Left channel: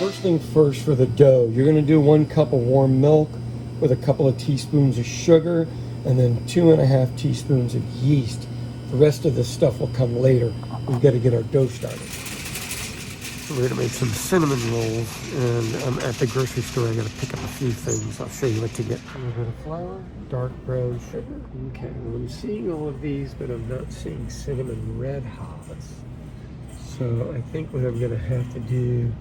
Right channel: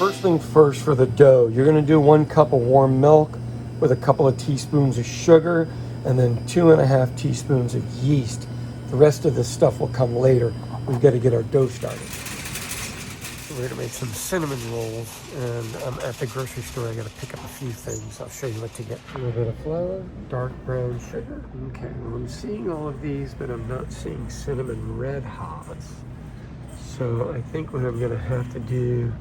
First thing first for the dough, you're gonna do 1 cup of warm milk with a couple of teaspoons of sugar and then 2.5 teaspoons of yeast. The rest of this stuff will come later. We've got to get our dough started. So we're gonna make some cinnamon rolls, and I'm at the grocery store. I gotta pick up a few things. I'll show you what to get. A little bit of flour, dark brown sugar. Okay, well, I'm seeing all of these, but I'm not seeing cinnamon red hots. So I think what I'm gonna have to do,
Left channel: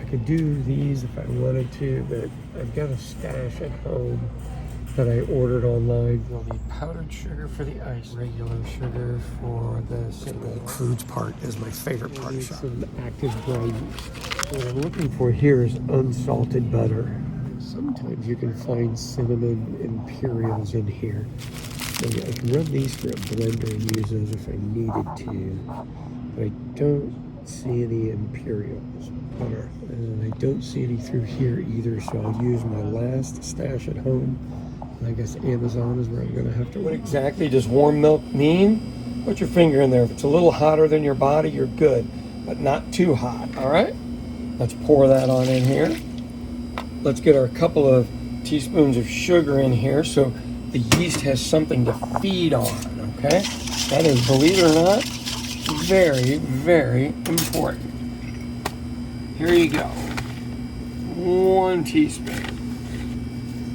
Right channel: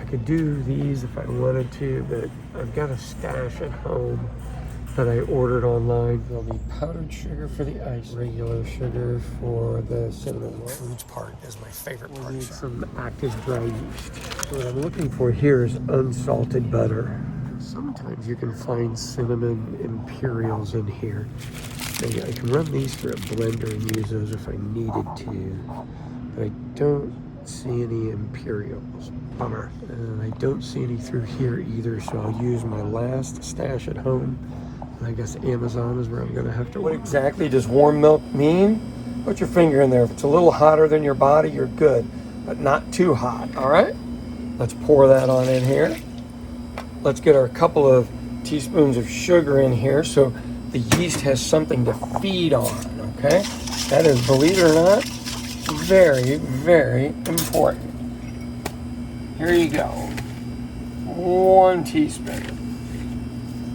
I could do these if I wanted to, but I've got a stash at home that I ordered online. There'll be powdered sugar for the ice, regular sugar for the cinnamon. The foods part is my favorite part. Need some active dry yeast. What I'm looking for here is unsalted butter. Sometimes you can find cinnamon imperials in here. I can run these through a blender and use those if I needed to. But I don't see any imperials. Bummer. And I don't see any through here either, so I'll use my last stash at home. I guess Amazon is where I'm gonna have to. What exactly does warm milk mean? Put your finger in there. If it's a little hotter than your body, you're good, but not too hot, all right? Let's pour that on in here. Let's get our couple of teaspoons of sugar in here so the yeast has something to feed on, okay? That is, believe it or not, very, very important. Here you go. 1 teaspoon.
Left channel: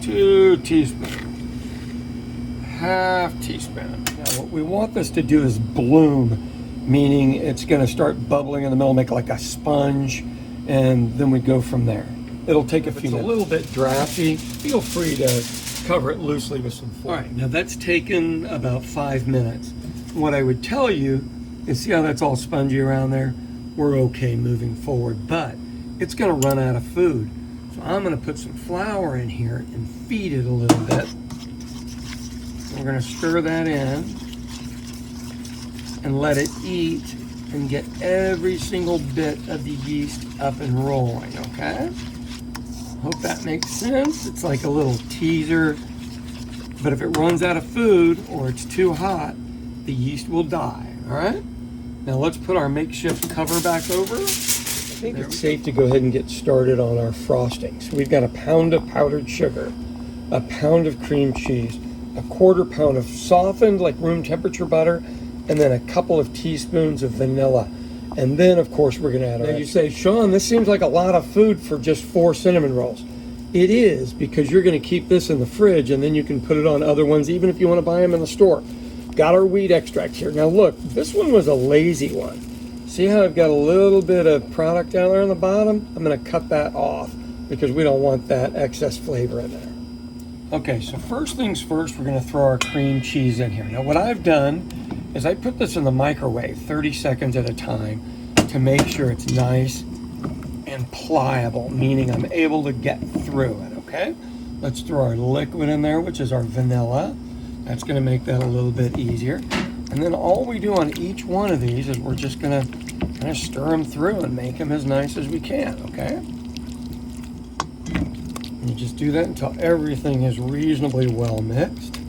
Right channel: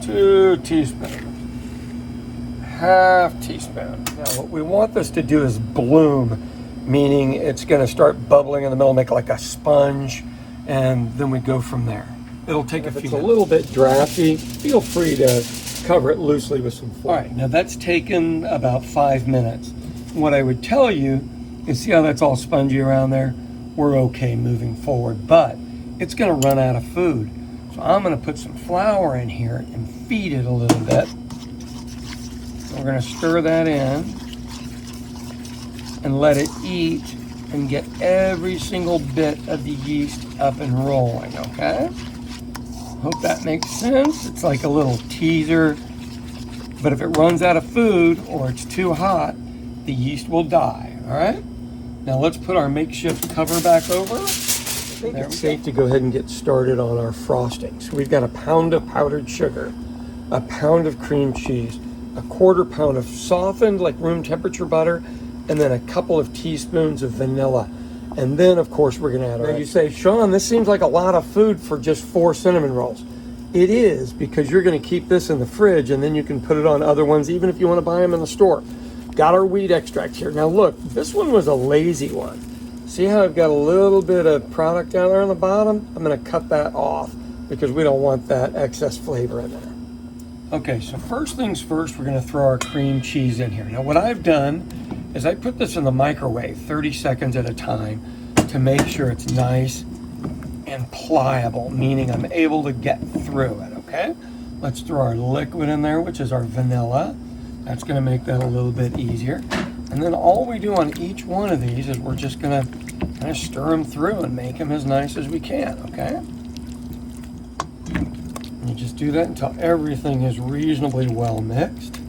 2 teaspoons, 1/2 teaspoon. Now what we want this to do is bloom, meaning it's gonna start bubbling in the middle, make like a sponge, and then we go from there. It'll take a few minutes. It's a little bit drafty, feel free to cover it loosely with some foil. All right, now that's taken about 5 minutes. What I would tell you is, see how that's all spongy around there? We're okay moving forward, but it's gonna run out of food. So I'm gonna put some flour in here and feed it a little bit. We're gonna stir that in and let it eat and get every single bit of the yeast up and rolling, okay? Hope that makes sense. It's like a little teaser, but if it runs out of food or it's too hot, the yeast will die, all right? Now let's put our makeshift cover back over. I think it's safe to go ahead and get started on our frosting. So we've got 1 pound of powdered sugar, 1 pound of cream cheese, 1/4 pound of softened, like room temperature butter, and then a couple of teaspoons of vanilla. And then of course we're gonna add our. Now you say, Sean, this seems like a lot of food for just 4 cinnamon rolls. It is, because you're gonna keep this in the fridge and then you can put it on other ones, even if you wanna buy them in the store. Got our wheat extract here. Now look, this one was a lazy one. See how I've got a little bit of product down there on the bottom? I'm gonna cut that off because we don't want that excess flavor in there. Okay, so first things first, we're gonna throw our cream cheese in here. Now what I've done is I put this in the microwave 30 seconds at a time to make sure it's nice and pliable, meaning I'm able to get through it, okay? Let's throw our liquid in there, which is our vanilla. That's gonna make that a little bit easier. And then all we do on each one of these is we're just gonna kind of stir them through and make them as nice as we can, okay? And you just do that until everything is reasonably well mixed.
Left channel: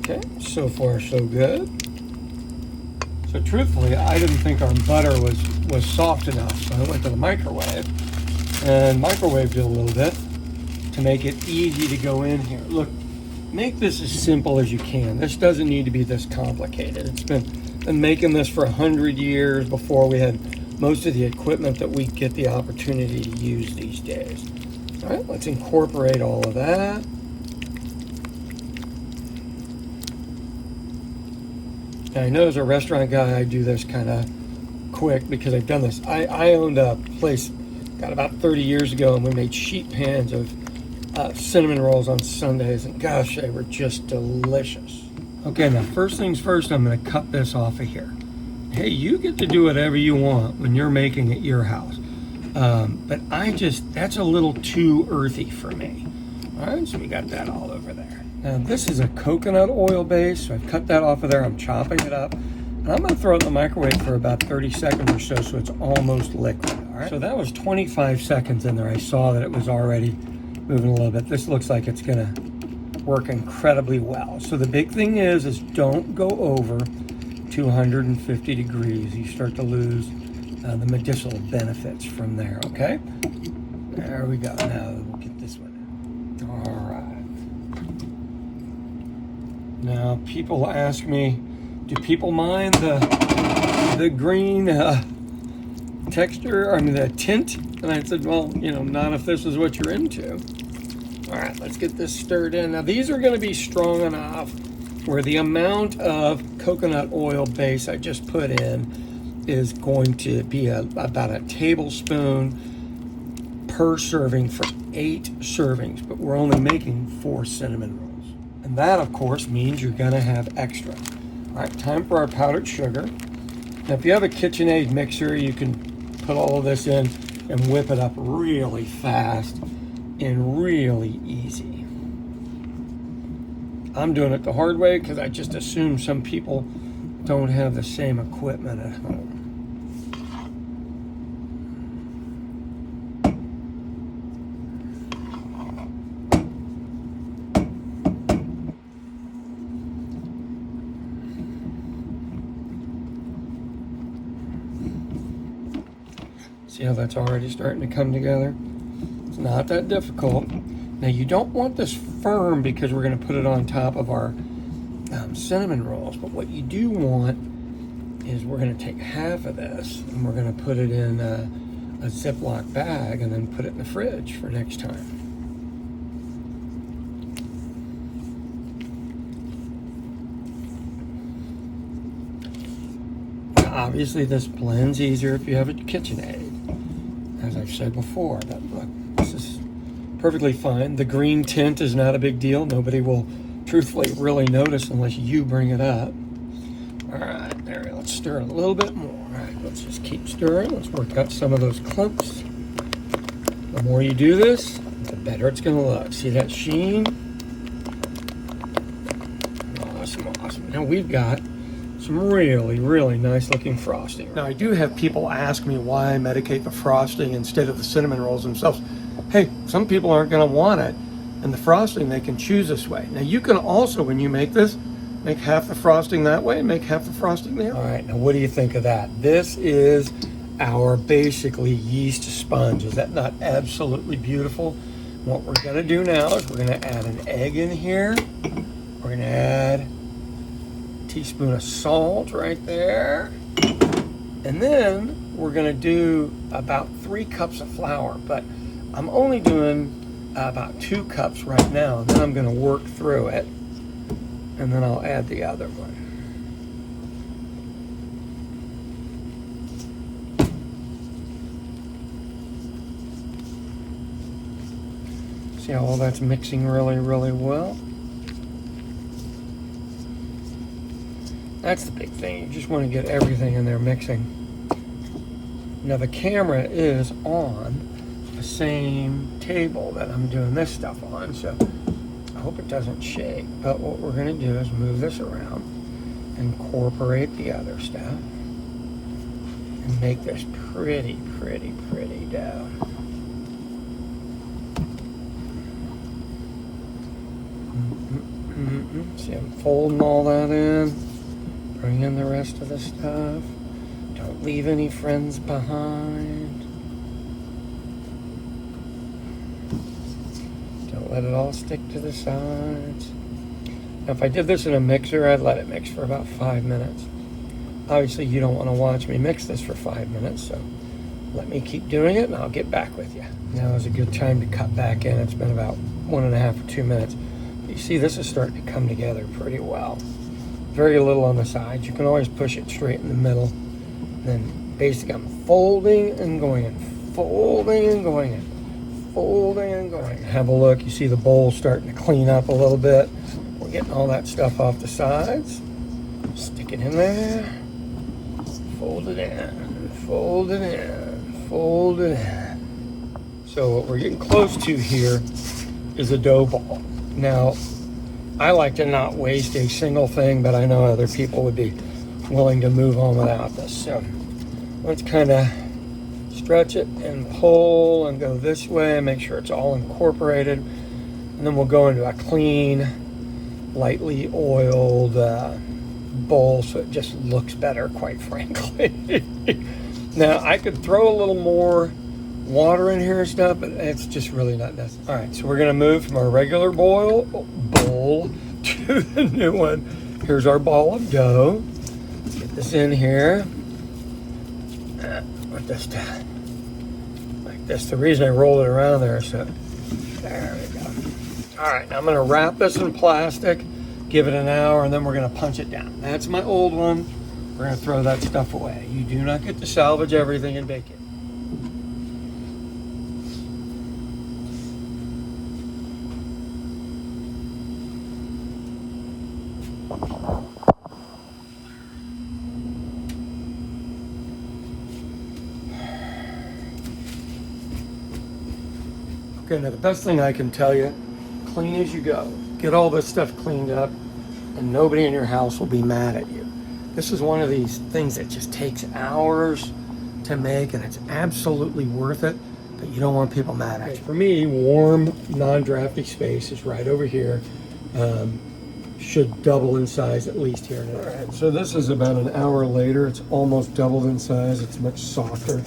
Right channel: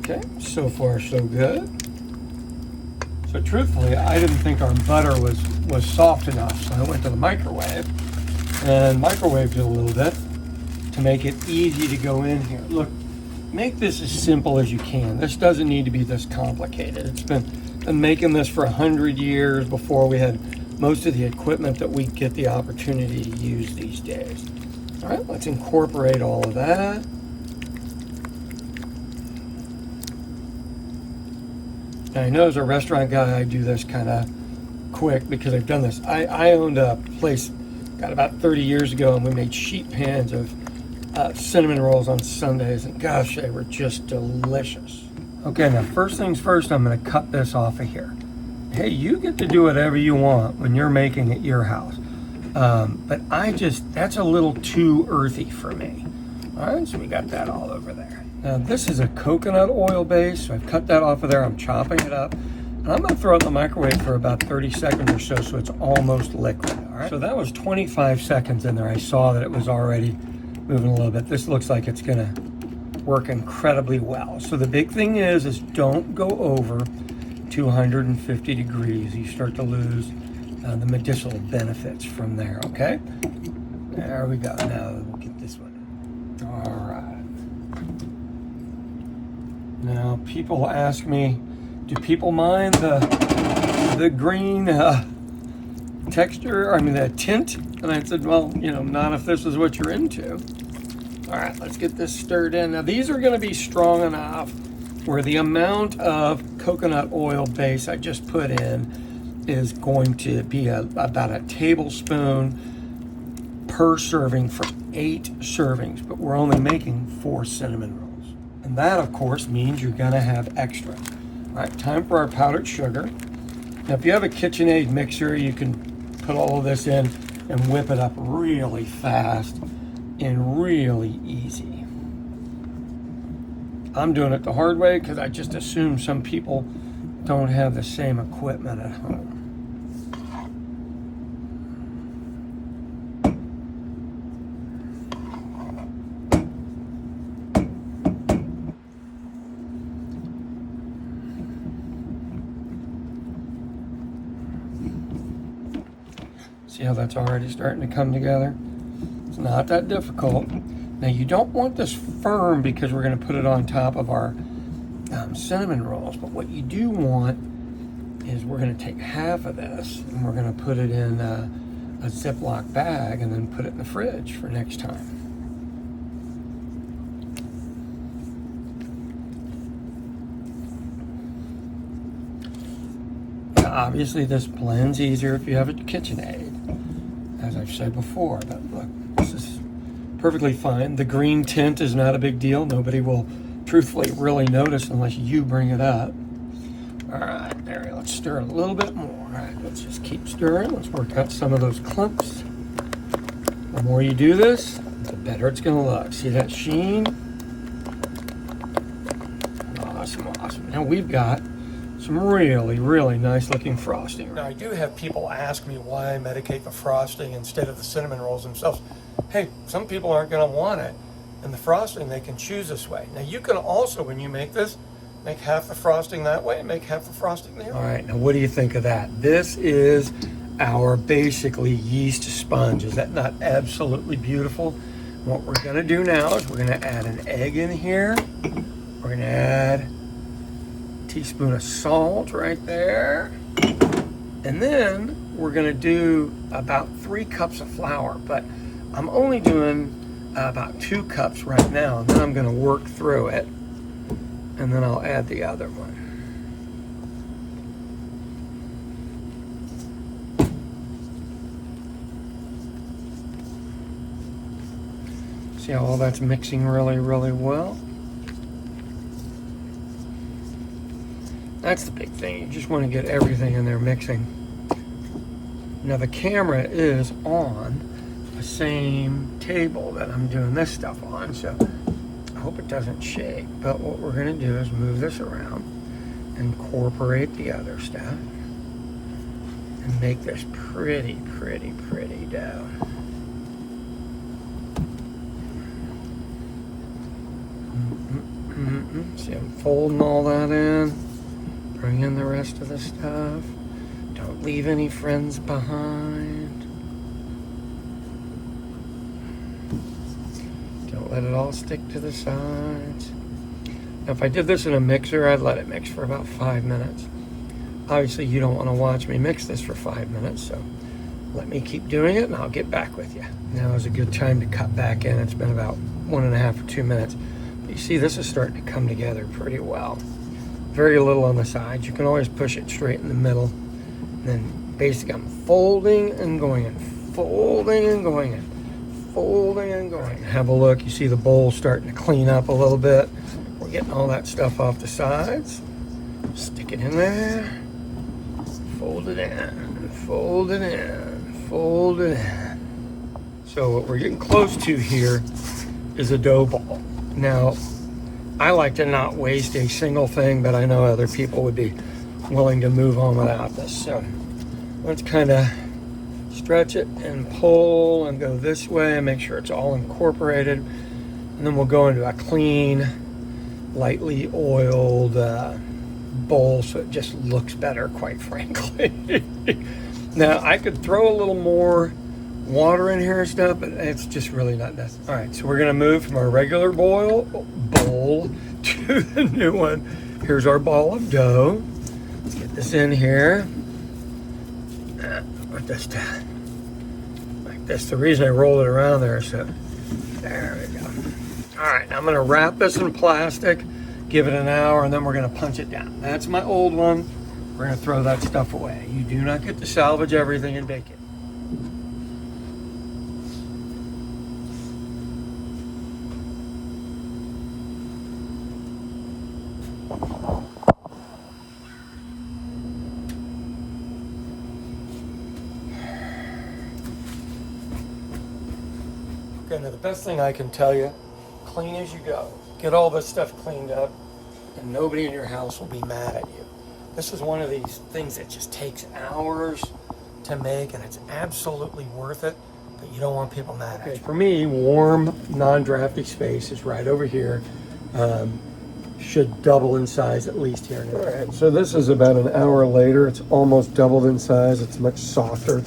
Okay, so far so good. So truthfully, I didn't think our butter was soft enough, so I went to the microwave and microwaved it a little bit to make it easy to go in here. Look, make this as simple as you can. This doesn't need to be this complicated. It's been making this for 100 years before we had most of the equipment that we get the opportunity to use these days. All right, let's incorporate all of that. And I know as a restaurant guy, I do this kind of quick because I've done this. I owned a place about 30 years ago, and we made sheet pans of cinnamon rolls on Sundays, and gosh, they were just delicious. Okay, now first things first, I'm gonna cut this off of here. Hey, you get to do whatever you want when you're making at your house. But that's a little too earthy for me. All right, so we got that all over there. Now this is a coconut oil base, so I've cut that off of there, I'm chopping it up. And I'm gonna throw it in the microwave for about 30 seconds or so it's almost liquid, all right? So that was 25 seconds in there. I saw that it was already moving a little bit. This looks like it's gonna work incredibly well. So the big thing is don't go over 250 degrees. You start to lose the medicinal benefits from there, okay? There we go. Now we'll get this one in. All right. Now people ask me, do people mind the green texture, I mean the tint? And I said, well, you know, not if this is what you're into. All right, let's get this stirred in. Now these are going to be strong enough where the amount of coconut oil base I just put in is going to be about a tablespoon per serving for 8 servings, but we're only making 4 cinnamon rolls. And that, of course, means you're going to have extra. All right, time for our powdered sugar. Now, if you have a KitchenAid mixer, you can put all this in and whip it up really fast and really easy. I'm doing it the hard way because I just assume some people don't have the same equipment at home. See how that's already starting to come together? It's not that difficult. Now you don't want this firm because we're going to put it on top of our cinnamon rolls, but what you do want is we're going to take half of this and we're going to put it in a Ziploc bag and then put it in the fridge for next time. Obviously this blends easier if you have a KitchenAid, as I've said before, but look, this is perfectly fine. The green tint is not a big deal. Nobody will truthfully really notice unless you bring it up. All right, there, let's stir it a little bit more. All right, let's just keep stirring. Let's work out some of those clumps. The more you do this, the better it's gonna look. See that sheen? Awesome, awesome. Now we've got some really, really nice looking frosting. Now I do have people ask me why I medicate the frosting instead of the cinnamon rolls themselves. Hey, some people aren't gonna want it, and the frosting they can choose this way. Now you can also, when you make this, make half the frosting that way and make half the frosting there. All right, now what do you think of that? This is our basically yeast sponge. Is that not absolutely beautiful? What we're gonna do now is we're gonna add an egg in here. We're gonna add a teaspoon of salt right there. And then we're gonna do about 3 cups of flour, but I'm only doing about 2 cups right now. And then I'm gonna work through it, and then I'll add the other one. See how all that's mixing really, really well? That's the big thing. You just want to get everything in there mixing. Now the camera is on the same table that I'm doing this stuff on, so I hope it doesn't shake. But what we're going to do is move this around, incorporate the other stuff, and make this pretty, pretty, pretty dough. See, I'm folding all that in. Bring in the rest of the stuff. Don't leave any friends behind. Don't let it all stick to the sides. Now, if I did this in a mixer, I'd let it mix for about 5 minutes. Obviously, you don't want to watch me mix this for 5 minutes, so let me keep doing it and I'll get back with you. Now is a good time to cut back in. It's been about 1.5 or 2 minutes. You see, this is starting to come together pretty well. Very little on the sides. You can always push it straight in the middle. And then basically I'm folding and going in, folding and going in, folding and going in. Have a look. You see the bowl starting to clean up a little bit. We're getting all that stuff off the sides. Stick it in there. Fold it in, fold it in, fold it in. So what we're getting close to here is a dough ball. Now, I like to not waste a single thing, but I know other people would be willing to move on without this. So let's kind of stretch it and pull and go this way and make sure it's all incorporated. And then we'll go into a clean, lightly oiled bowl so it just looks better, quite frankly. Now, I could throw a little more water in here and stuff, but it's just really not necessary. All right, so we're gonna move from our regular bowl to the new one. Here's our ball of dough. Let's get this in here. Put this down like this. The reason I roll it around there is so, there we go. All right, now I'm gonna wrap this in plastic, give it an hour, and then we're gonna punch it down. That's my old one. We're gonna throw that stuff away. You do not get to salvage everything and bake it. Okay, now the best thing I can tell you, clean as you go. Get all this stuff cleaned up and nobody in your house will be mad at you. This is one of these things that just takes hours to make and it's absolutely worth it, but you don't want people mad at you. For me, warm, non-drafty space is right over here. Should double in size at least here. All right, so this is about an hour later. It's almost doubled in size. It's much softer.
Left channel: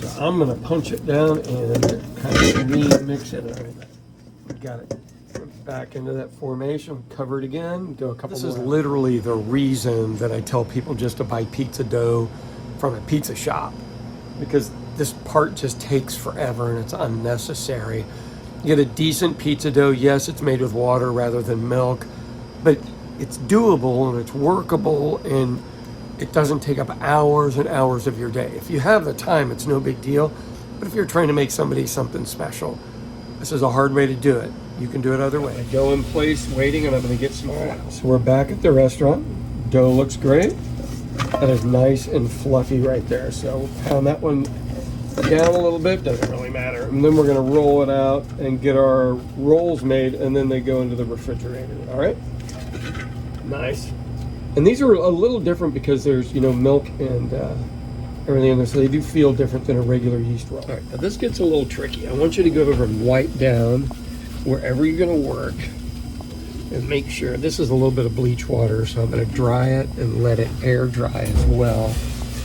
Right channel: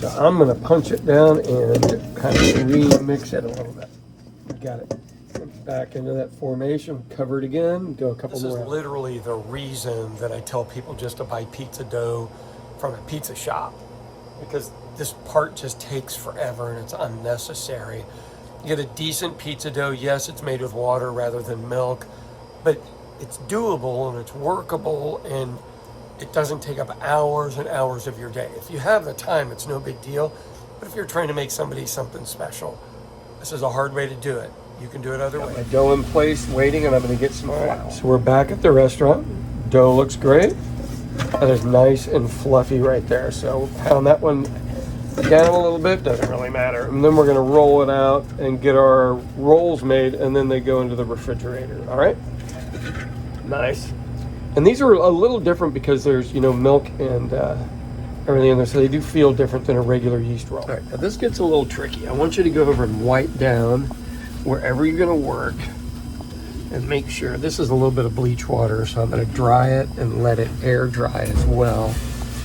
So I'm gonna punch it down and kind of remix it a little bit. Got it. Back into that formation, cover it again, do a couple more. This is literally the reason that I tell people just to buy pizza dough from a pizza shop, because this part just takes forever and it's unnecessary. You get a decent pizza dough. Yes, it's made with water rather than milk, but it's doable and it's workable and it doesn't take up hours and hours of your day. If you have the time, it's no big deal. But if you're trying to make somebody something special, this is a hard way to do it. You can do it other ways. Dough in place, waiting, and I'm gonna get some flour. So we're back at the restaurant. Dough looks great. And it's nice and fluffy right there. So we'll pound that one down a little bit, doesn't really matter. And then we're gonna roll it out and get our rolls made, and then they go into the refrigerator, all right? Nice. And these are a little different because there's, you know, milk and everything in there, so they do feel different than a regular yeast roll. All right, now this gets a little tricky. I want you to go over and wipe down wherever you're gonna work and make sure. This is a little bit of bleach water, so I'm gonna dry it and let it air dry as well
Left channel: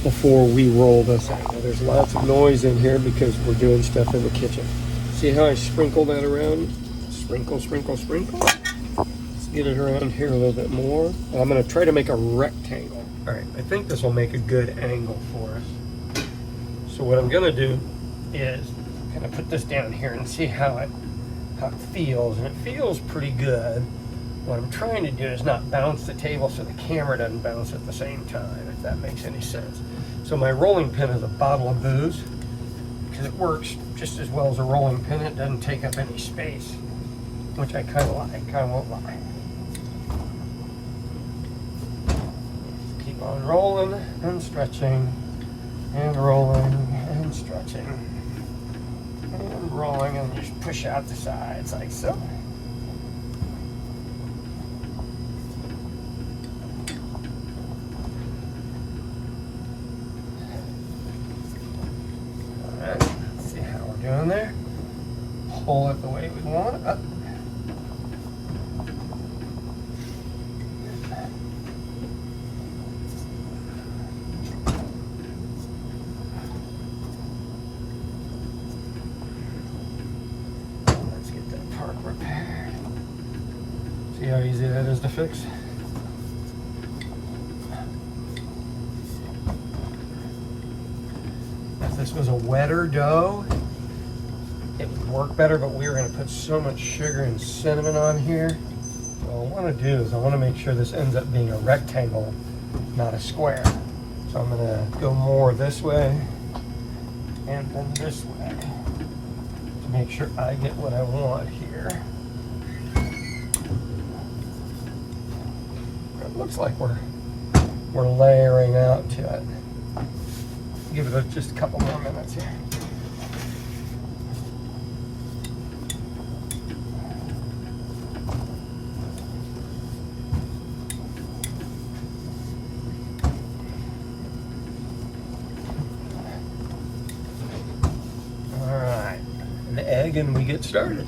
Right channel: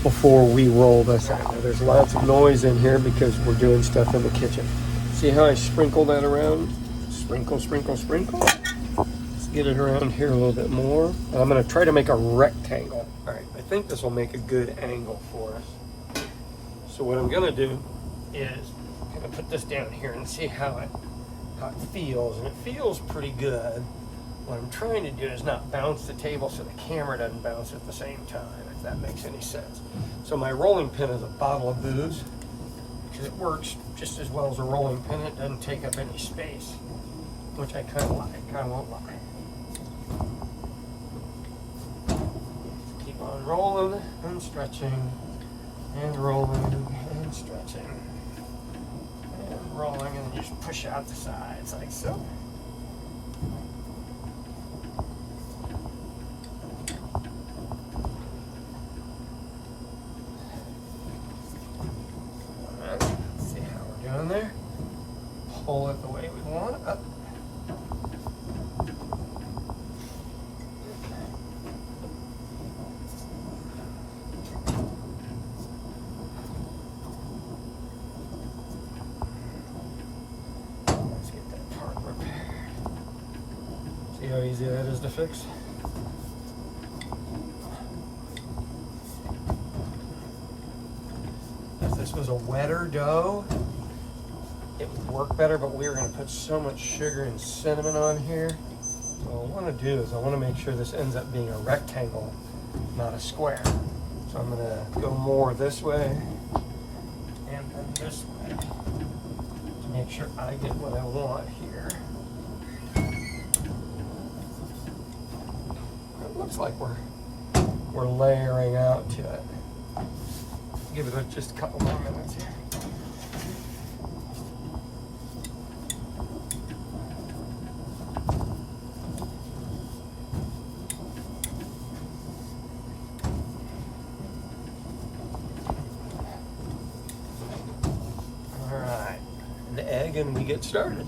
before we roll this out. Now, there's lots of noise in here because we're doing stuff in the kitchen. See how I sprinkle that around? Sprinkle, sprinkle, sprinkle. Let's get it around here a little bit more. And I'm gonna try to make a rectangle. All right, I think this will make a good angle for us. So what I'm gonna do is kind of put this down here and see how it feels, and it feels pretty good. What I'm trying to do is not bounce the table so the camera doesn't bounce at the same time, if that makes any sense. So my rolling pin is a bottle of booze, because it works just as well as a rolling pin. It doesn't take up any space, which I kind of like, I won't lie. Keep on rolling and stretching, and rolling and stretching. And rolling, and just push out the sides like so. Alright, let's see how we're doing there. Pull it the way we want it up. Repaired. See how easy that is to fix? If this was a wetter dough, it would work better, but we were going to put so much sugar and cinnamon on here. So what I want to do is I want to make sure this ends up being a rectangle, not a square. So I'm going to go more this way and then this way to make sure I get what I want here. It looks like we're layering out to it. Give it just a couple more minutes here. All right, an egg and we get started.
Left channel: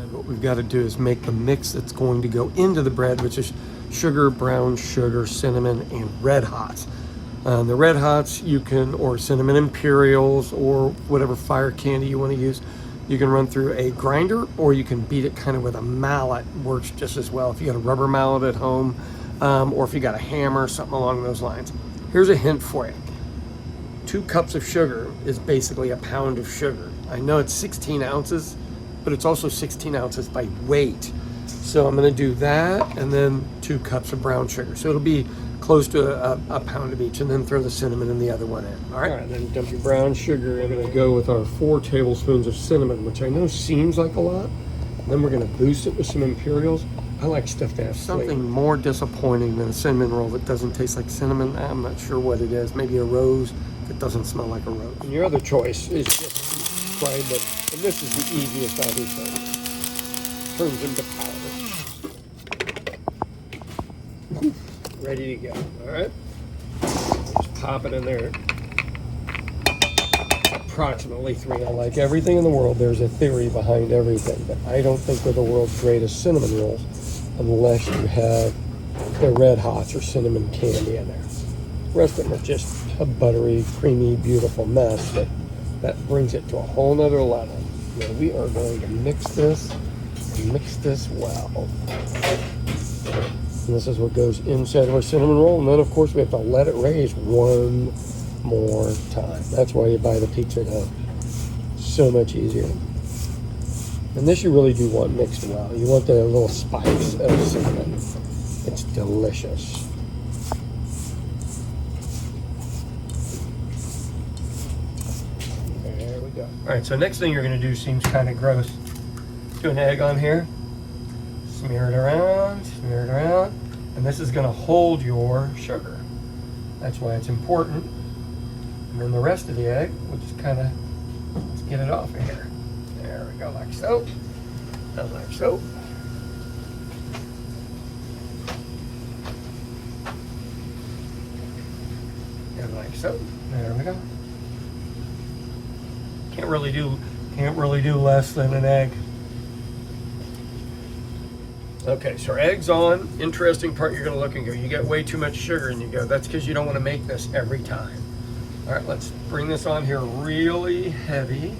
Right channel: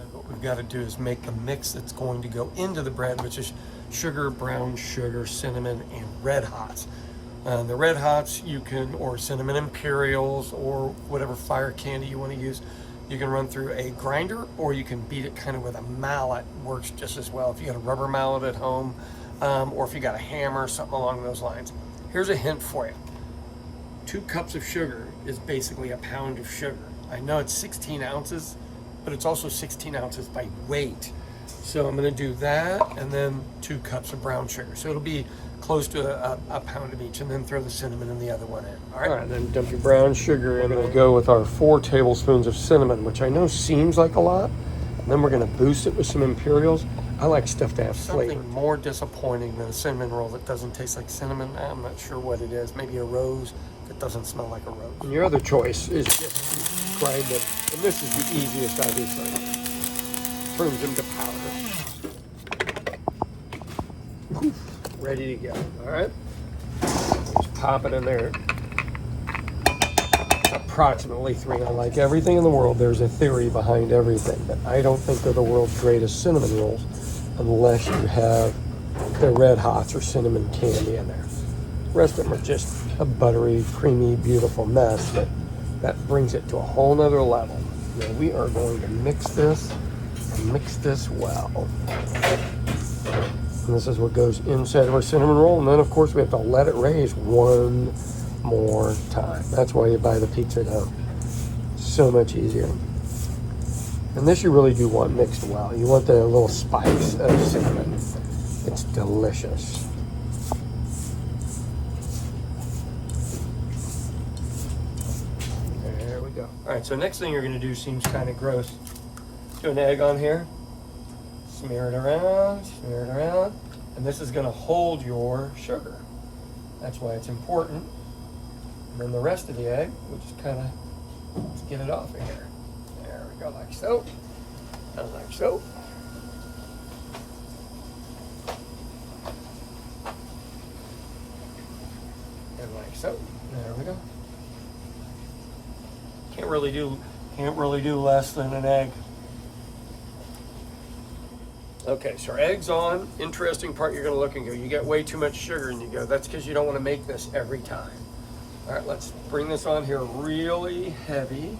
And what we've got to do is make the mix that's going to go into the bread, which is sugar, brown sugar, cinnamon, and red hots. The red hots you can, or cinnamon imperials, or whatever fire candy you want to use, you can run through a grinder, or you can beat it kind of with a mallet. Works just as well if you got a rubber mallet at home, or if you got a hammer, something along those lines. Here's a hint for you. 2 cups of sugar is basically a pound of sugar. I know it's 16 ounces, but it's also 16 ounces by weight. So I'm gonna do that, and then 2 cups of brown sugar. So it'll be close to a pound of each, and then throw the cinnamon in the other one in. All right, then dump your brown sugar in. We're gonna go with our 4 tablespoons of cinnamon, which I know seems like a lot. And then we're gonna boost it with some imperials. I like stuff to have flavor. Something more disappointing than a cinnamon roll that doesn't taste like cinnamon. I'm not sure what it is. Maybe a rose that doesn't smell like a rose. And your other choice is just grind it, and this is the easiest, obviously. Turns into powder. Ready to go. All right, just pop it in there. Approximately 3. Like everything in the world, there's a theory behind everything, but I don't think they're the world's greatest cinnamon rolls unless you have the red hots or cinnamon candy in there. The rest of them are just a buttery, creamy, beautiful mess, but that brings it to a whole nother level. Now we are going to mix this well. And this is what goes inside of our cinnamon roll, and then of course we have to let it raise one more time. That's why you buy the pizza dough. So much easier. And this you really do want mixed well. You want the little spice of cinnamon. It's delicious. There we go. All right, so next thing you're gonna do seems kind of gross. Do an egg on here. Smear it around, and this is gonna hold your sugar. That's why it's important. And then the rest of the egg, we'll just kind of get it off of here. There we go, like so. And like so. And like so. There we go. Can't really do less than an egg. Okay, so our egg's on. Interesting part, you're gonna look and go, you got way too much sugar, and you go, that's because you don't want to make this every time. All right, let's bring this on here really heavy.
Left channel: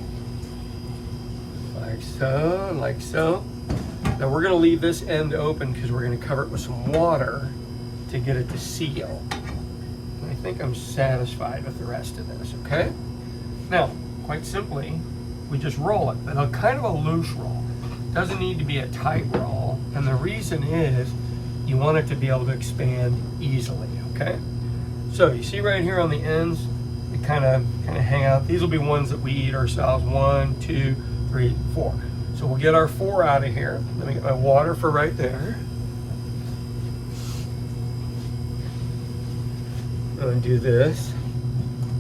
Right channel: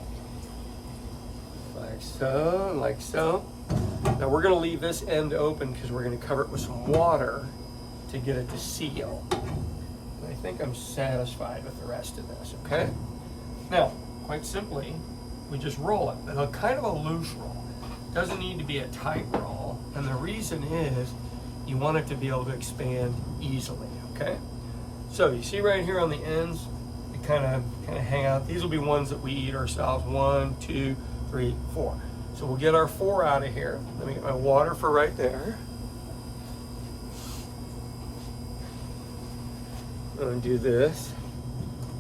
Like so, and like so. Now we're gonna leave this end open because we're gonna cover it with some water to get it to seal. And I think I'm satisfied with the rest of this, okay? Now, quite simply, we just roll it, but a kind of a loose roll. Doesn't need to be a tight roll, and the reason is you want it to be able to expand easily, okay? So you see right here on the ends, they kind of hang out. These will be ones that we eat ourselves. 1, 2, 3, 4. So we'll get our 4 out of here. Let me get my water for right there. And do this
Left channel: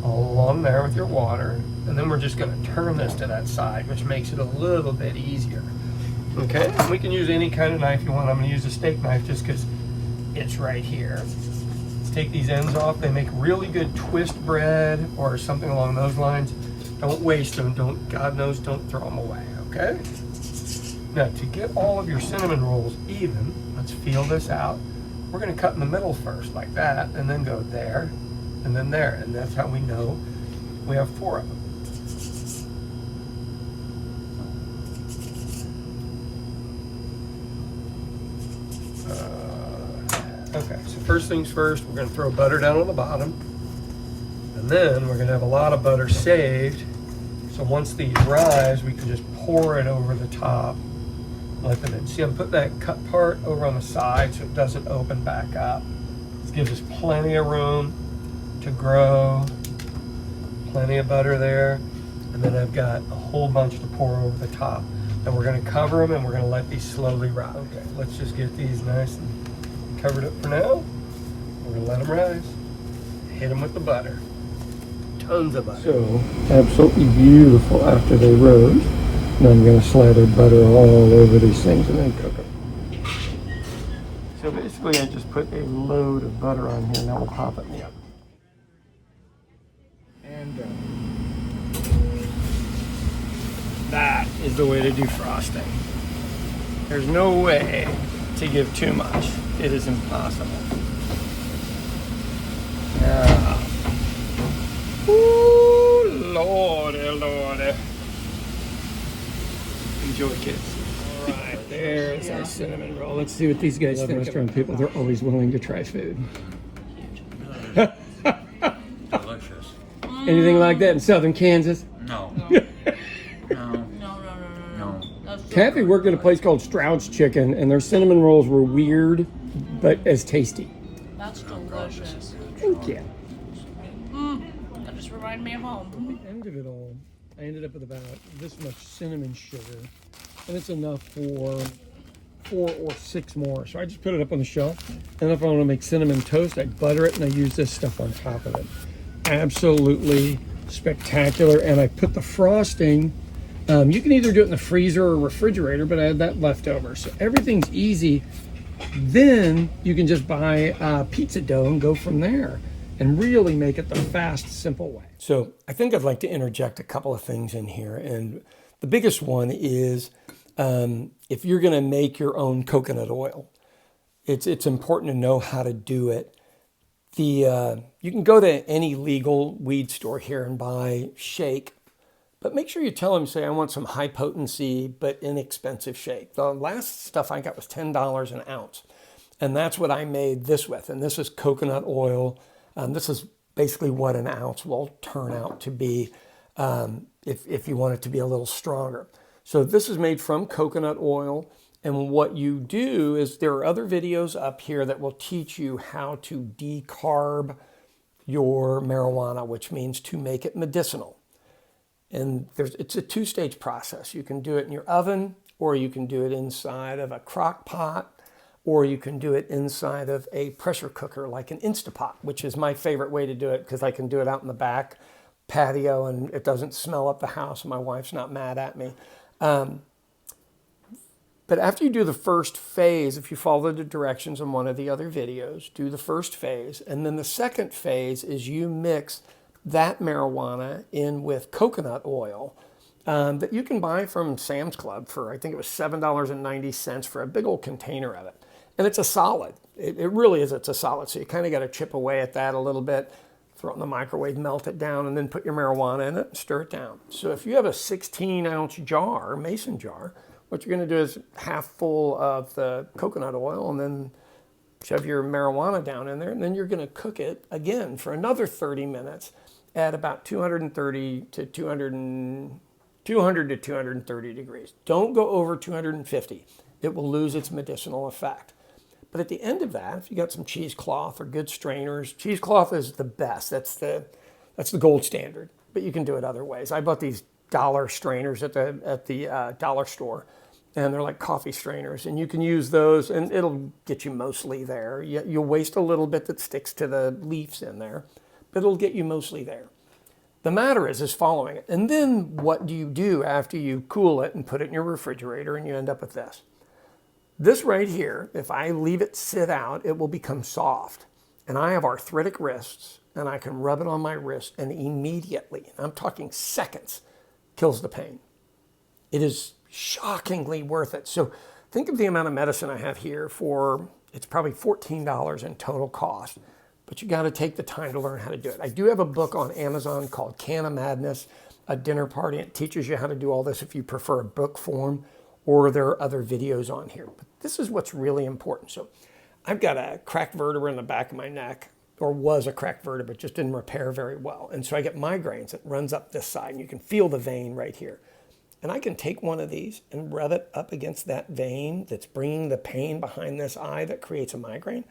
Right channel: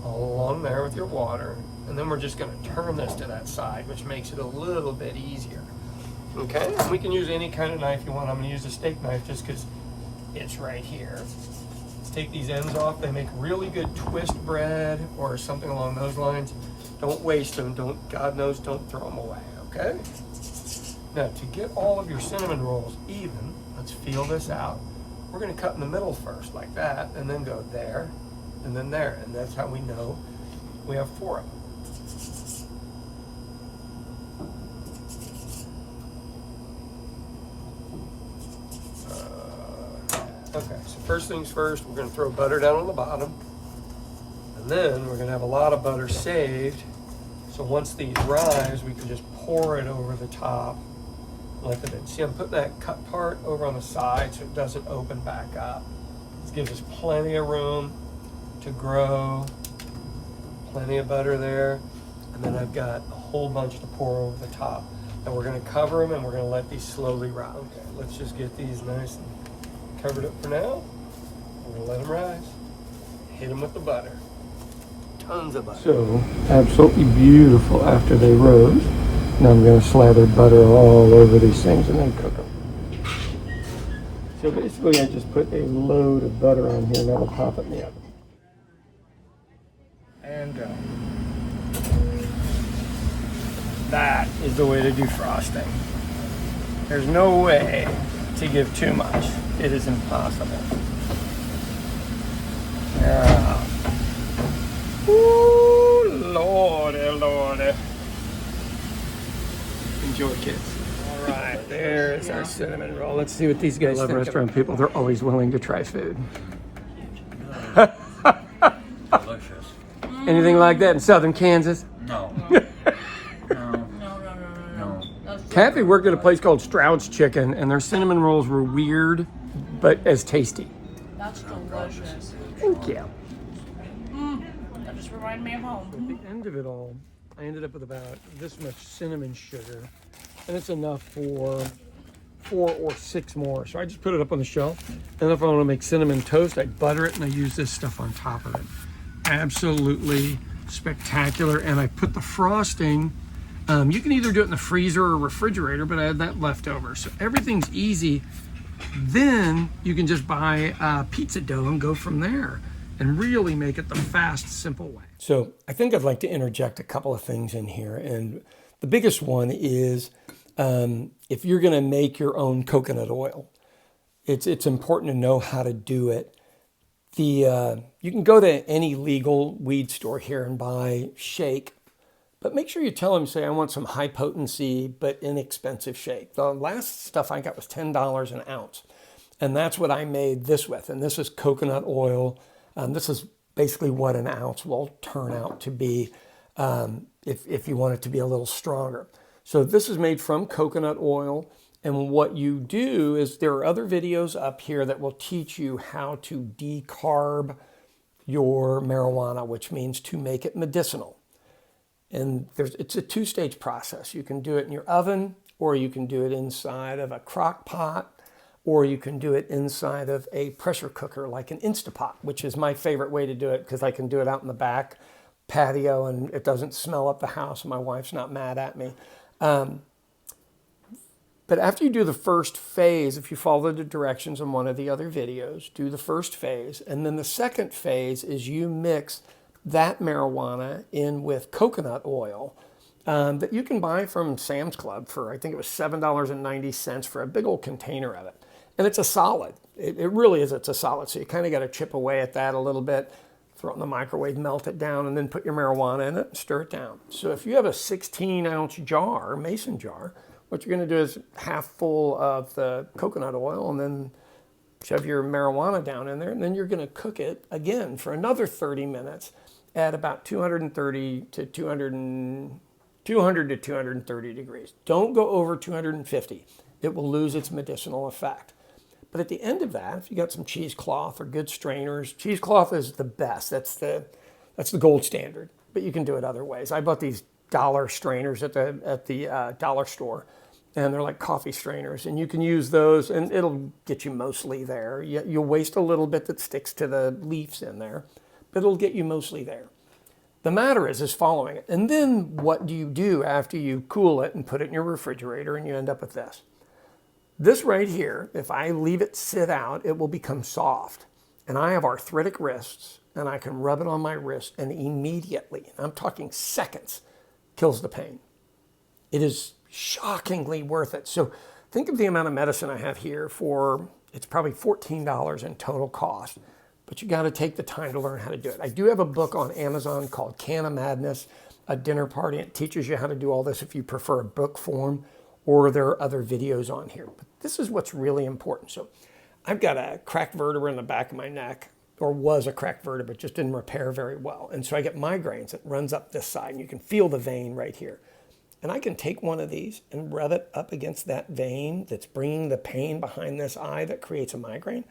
all along there with your water, and then we're just going to turn this to that side, which makes it a little bit easier. Okay, we can use any kind of knife you want. I'm going to use a steak knife just because it's right here. Let's take these ends off. They make really good twist bread or something along those lines. Don't waste them. God knows, don't throw them away, okay? Now, to get all of your cinnamon rolls even, let's feel this out. We're going to cut in the middle first, like that, and then go there, and then there. And that's how we know we have 4 of them. Okay, so first things first, we're going to throw butter down on the bottom, and then we're going to have a lot of butter saved, so once these rise, we can just pour it over the top, let them in. See, I'm putting that cut part over on the side so it doesn't open back up. This gives us plenty of room to grow, plenty of butter there, and then I've got a whole bunch to pour over the top. And we're going to cover them, and we're going to let these slowly rise. Okay, let's just get these nice and covered up for now. We're going to let them rise. Hit them with the butter. Tons of butter. So, absolutely beautiful after they rose. Now I'm going to slather butter all over these things and then cook them. So basically I just put a load of butter on here. Now we'll pop it in the oven. And that is the way to do frosting. There's no way to give too much. It is impossible. Yeah. Ooh, Lordy, Lordy. Enjoy, kids. All right, there's our cinnamon roll. Let's see what these guys think. Restaurant people, they're always willing to try food. Delicious. Anything like that in southern Kansas? No. No. Kathy worked at a place called Stroud's Chicken, and their cinnamon rolls were weird, but as tasty. That's delicious. Thank you. That just reminded me of home. At the end of it all, I ended up with about this much cinnamon sugar, and it's enough for 4 or 6 more. So I just put it up on the shelf, and if I want to make cinnamon toast, I butter it, and I use this stuff on top of it. Absolutely spectacular. And I put the frosting, you can either do it in the freezer or refrigerator, but I had that left over. So everything's easy. Then you can just buy pizza dough and go from there and really make it the fast, simple way. So I think I'd like to interject a couple of things in here. And the biggest one is if you're going to make your own coconut oil, it's important to know how to do it. You can go to any legal weed store here and buy shake, but make sure you tell them, say, I want some high potency but inexpensive shake. The last stuff I got was $10 an ounce, and that's what I made this with. And this is coconut oil. This is basically what an ounce will turn out to be if you want it to be a little stronger. So this is made from coconut oil. And what you do is there are other videos up here that will teach you how to decarb your marijuana, which means to make it medicinal. And it's a 2-stage process. You can do it in your oven, or you can do it inside of a crock pot, or you can do it inside of a pressure cooker like an Instapot, which is my favorite way to do it because I can do it out in the back patio and it doesn't smell up the house and my wife's not mad at me. But after you do the first phase, if you follow the directions in one of the other videos, do the first phase. And then the second phase is you mix that marijuana in with coconut oil that you can buy from Sam's Club for, I think it was $7.90 for a big old container of it. And it's a solid. It really is. It's a solid. So you kind of got to chip away at that a little bit, throw it in the microwave, melt it down, and then put your marijuana in it and stir it down. So if you have a 16-ounce jar, mason jar, what you're going to do is half full of the coconut oil and then shove your marijuana down in there. And then you're going to cook it again for another 30 minutes at about 230 to 230 degrees. Don't go over 250. It will lose its medicinal effect. But at the end of that, if you got some cheesecloth or good strainers, cheesecloth is the best. That's the gold standard. But you can do it other ways. I bought these dollar strainers at the dollar store, and they're like coffee strainers, and you can use those, and it'll get you mostly there. You'll waste a little bit that sticks to the leaves in there, but it'll get you mostly there. The matter is following it. And then what do you do after you cool it and put it in your refrigerator, and you end up with this? This right here, if I leave it sit out, it will become soft. And I have arthritic wrists, and I can rub it on my wrist, and immediately, I'm talking seconds, kills the pain. It is shockingly worth it. So think of the amount of medicine I have here for, it's probably $14 in total cost, but you got to take the time to learn how to do it. I do have a book on Amazon called Can of Madness, a dinner party. It teaches you how to do all this if you prefer a book form, or there are other videos on here. But this is what's really important. So I've got a cracked vertebra in the back of my neck, or was a cracked vertebra, just didn't repair very well. And so I get migraines. It runs up this side, and you can feel the vein right here. And I can take one of these and rub it up against that vein that's bringing the pain behind this eye that creates a migraine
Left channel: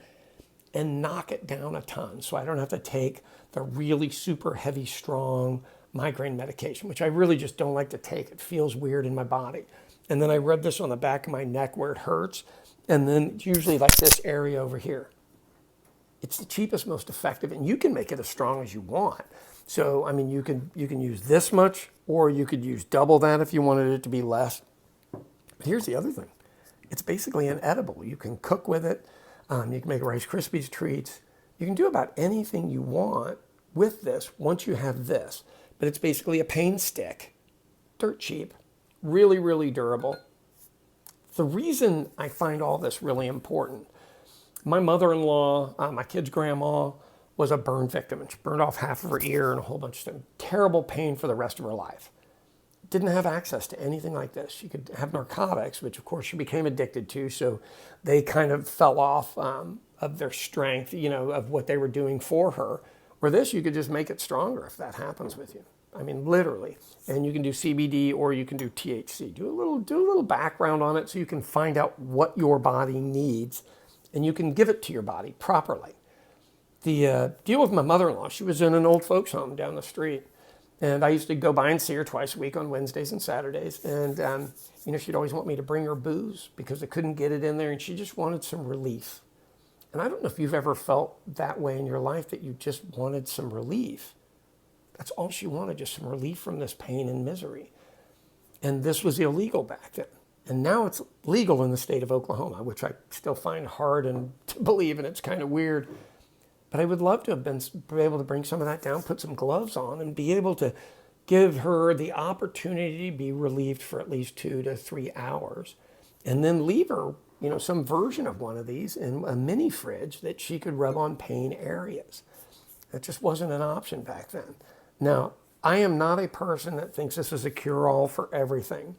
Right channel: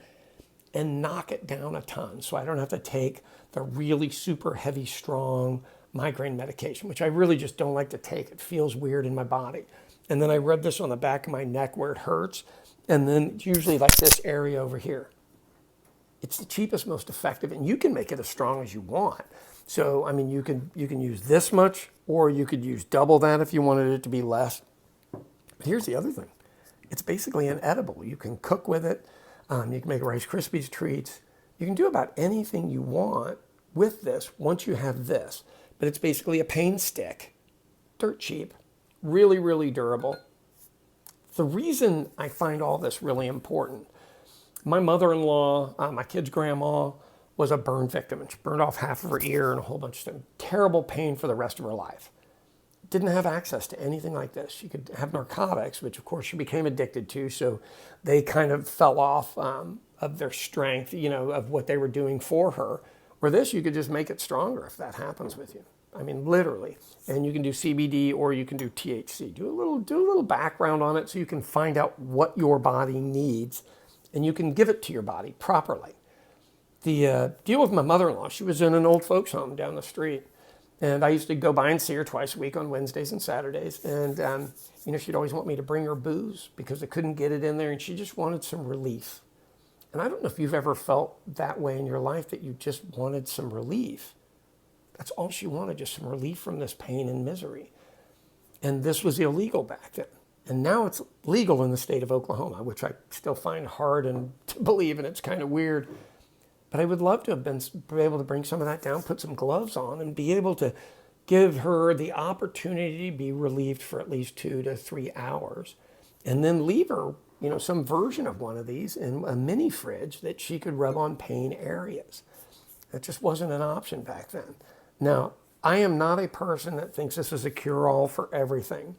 and knock it down a ton. So I don't have to take the really super heavy, strong migraine medication, which I really just don't like to take. It feels weird in my body. And then I rub this on the back of my neck where it hurts. And then it's usually like this area over here. It's the cheapest, most effective, and you can make it as strong as you want. So, I mean, you can use this much, or you could use double that if you wanted it to be less. But here's the other thing. It's basically an edible. You can cook with it. You can make Rice Krispies treats. You can do about anything you want with this once you have this. But it's basically a pain stick, dirt cheap, really, really durable. The reason I find all this really important My mother-in-law, my kid's grandma, was a burn victim, and she burned off half of her ear and a whole bunch of stuff. Terrible pain for the rest of her life. Didn't have access to anything like this. She could have narcotics, which of course she became addicted to, so they kind of fell off of their strength, you know, of what they were doing for her. Or this, you could just make it stronger if that happens with you. I mean, literally. And you can do CBD or you can do THC. Do a little background on it so you can find out what your body needs, and you can give it to your body properly. The deal with my mother-in-law, she was in an old folks home down the street. And I used to go by and see her twice a week on Wednesdays and Saturdays. And, you know, she'd always want me to bring her booze because I couldn't get it in there. And she just wanted some relief. And I don't know if you've ever felt that way in your life, that you just wanted some relief. That's all she wanted, just some relief from this pain and misery. And this was illegal back then. And now it's legal in the state of Oklahoma, which I still find hard and to believe, and it's kind of weird. But I would love to have been able to bring some of that down, put some gloves on, and be able to give her the opportunity to be relieved for at least 2 to 3 hours, and then leave her, you know, some version of one of these in a mini fridge that she could rub on pain areas. That just wasn't an option back then. Now, I am not a person that thinks this is a cure-all for everything.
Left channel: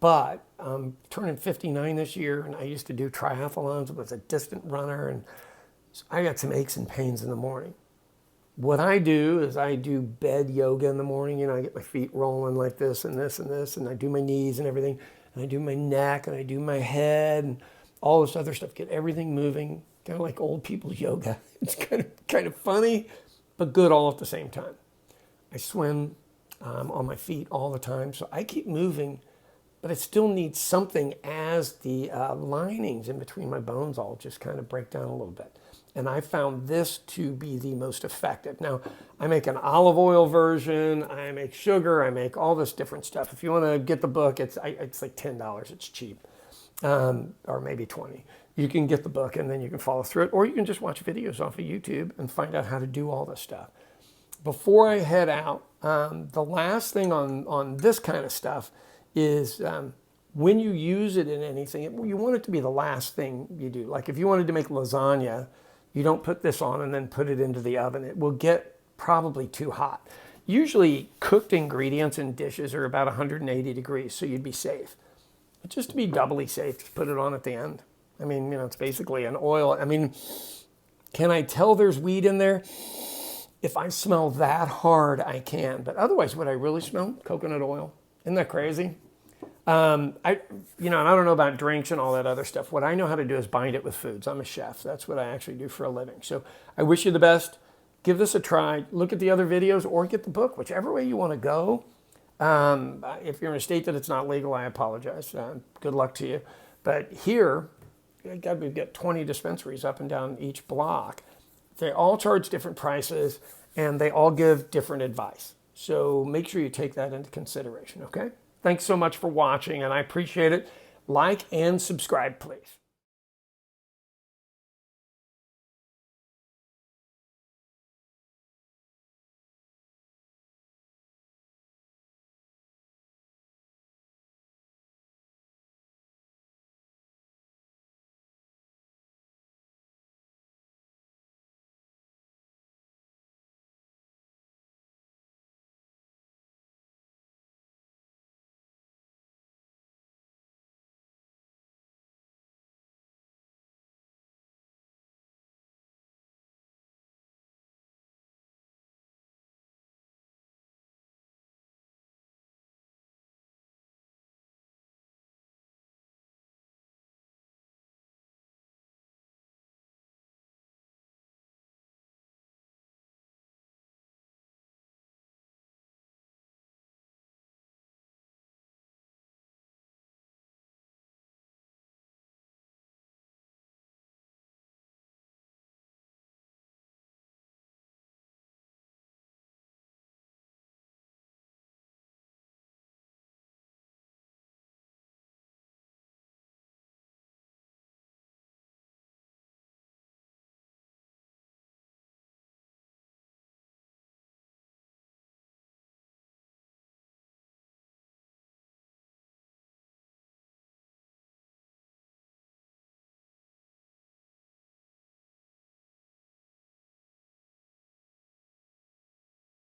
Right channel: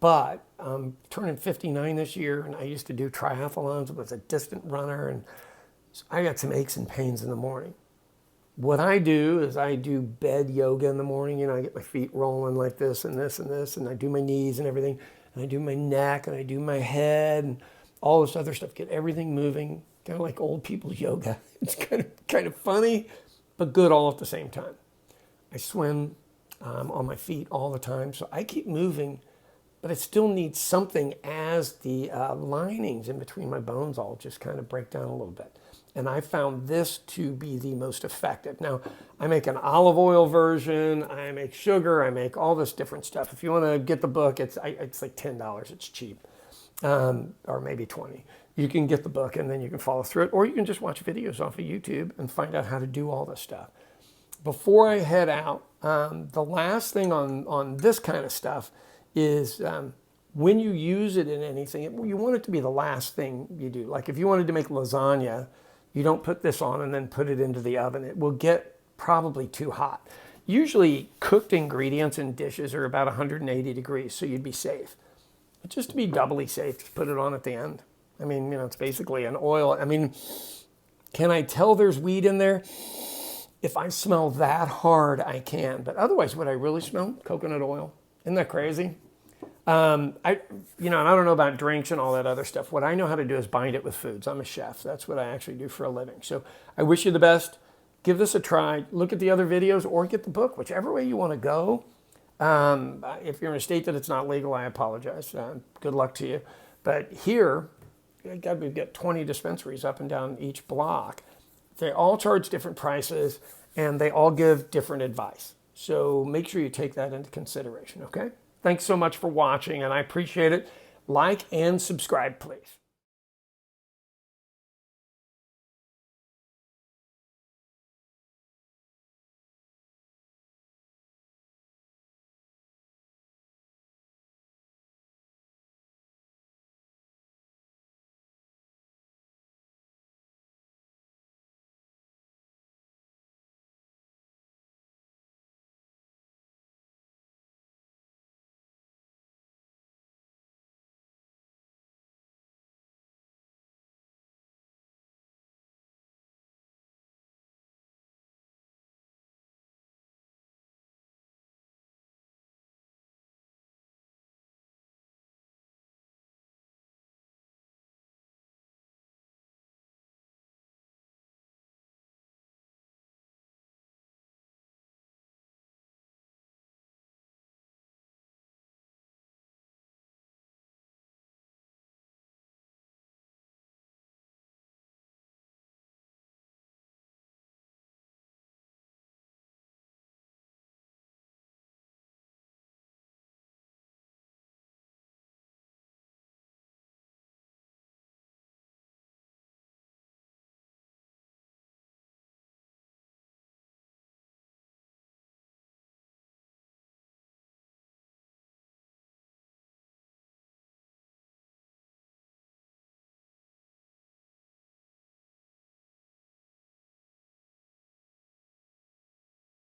But I'm turning 59 this year, and I used to do triathlons, was a distant runner, and so I got some aches and pains in the morning. What I do is I do bed yoga in the morning. You know, I get my feet rolling like this and this and this, and I do my knees and everything, and I do my neck, and I do my head, and all this other stuff. Get everything moving, kind of like old people's yoga. It's kind of funny, but good all at the same time. I swim on my feet all the time, so I keep moving, but I still need something as the linings in between my bones all just kind of break down a little bit. And I found this to be the most effective. Now, I make an olive oil version, I make sugar, I make all this different stuff. If you want to get the book, it's like $10, it's cheap, or maybe 20. You can get the book and then you can follow through it, or you can just watch videos off of YouTube and find out how to do all this stuff. Before I head out, the last thing on this kind of stuff is when you use it in anything, you want it to be the last thing you do. Like if you wanted to make lasagna, you don't put this on and then put it into the oven. It will get probably too hot. Usually cooked ingredients in dishes are about 180 degrees, so you'd be safe. But just to be doubly safe, just put it on at the end. I mean, you know, it's basically an oil. I mean, can I tell there's weed in there? If I smell that hard, I can. But otherwise, what I really smell, coconut oil. Isn't that crazy? And I don't know about drinks and all that other stuff. What I know how to do is bind it with foods. I'm a chef. That's what I actually do for a living. So I wish you the best. Give this a try. Look at the other videos or get the book, whichever way you want to go. If you're in a state that it's not legal, I apologize. Good luck to you. But here, we've got 20 dispensaries up and down each block. They all charge different prices, and they all give different advice. So make sure you take that into consideration, okay? Thanks so much for watching, and I appreciate it. Like and subscribe, please.